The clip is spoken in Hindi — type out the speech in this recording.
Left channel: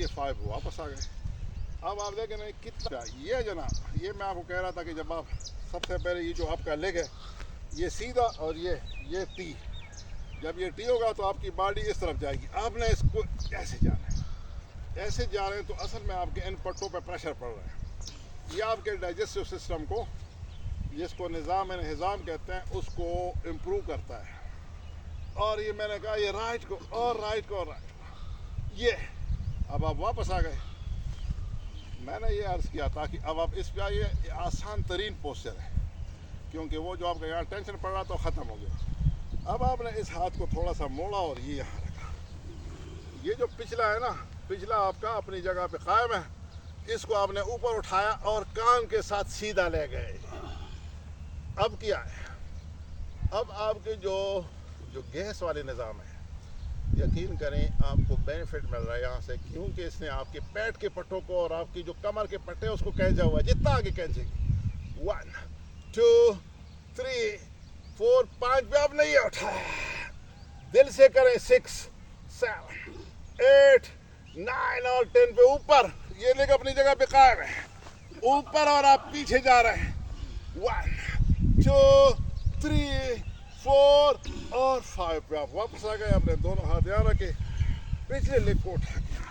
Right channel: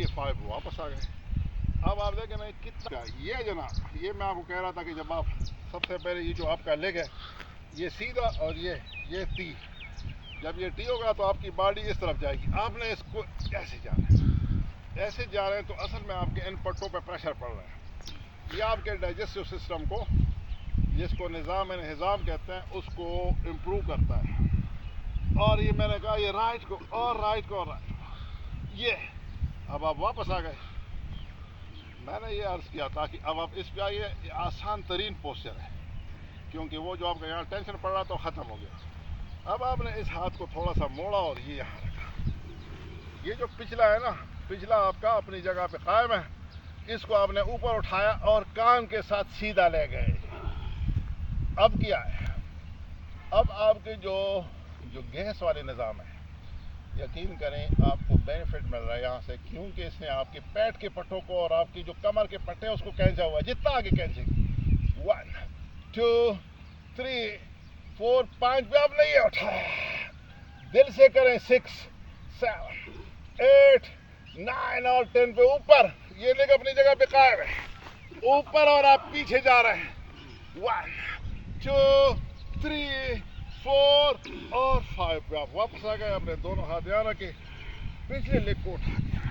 ये 5 वापस आ गए। अब आप देखें नहीं कितना ये जो ना, ये मैं आपको कह रहा था कि जब आप सबसे पहले ये जो आपका लेग है ये सीधा और ये टी, जब ये टी होगा तो आपकी बॉडी इस तरफ जाएगी। आपने इसको ऐसे जाना है, ऐसे जा रहे हैं तो असल में आपके इन पट्टों पे प्रेशर पड़ रहा है। ये आपके डाइजेस्टिव सिस्टम को, जिसको निज़ाम हिज़ाम कहते हैं, उसको इम्प्रूव करता है। और ये मैंने कहा ये राइट को और राइट को और राइट, ये अब आप वापस आ गए। मैंने ये अर्ज़ किया था कि अब आप इस पे आइए, ये आसान तरीन पोस्चर है, क्योंकि वो जो आपका यहाँ टेंशन पड़ रहा था वो ख़त्म हो गया। अब आपने इस हाथ को थोड़ा सा मोड़ा और ये यहाँ रखा। ये जो पिछला है ना, पिछला आपका अपनी जगह पे कायम है, इसको आपने ऊपर उठाया और कान के साथ सीधा ले गए। अब क्या है, अब आपके जो गैस वाले निज़ाम है, यकीन करें आपको बेनिफिट मिल रहा है यहाँ से, क्योंकि इसने आपके पेट के पट्टों को और आपकी जो कमर के पट्टे हैं उसको खींचा हुआ है। जितना आगे खींचेंगे 1 2 3 4 5 पे आपने ये उठाया, दिल से करें 6 7 8 9 और 10 पे ऊपर, ये लेकर अपनी जगह पे कायम है ऊपर, और आप पीछे जा रहे हैं 1 2 3 4 और 5 पे आप वापस आ गए। अपने दोनों हाथ यहाँ रखे, पिछले लेग को उठा के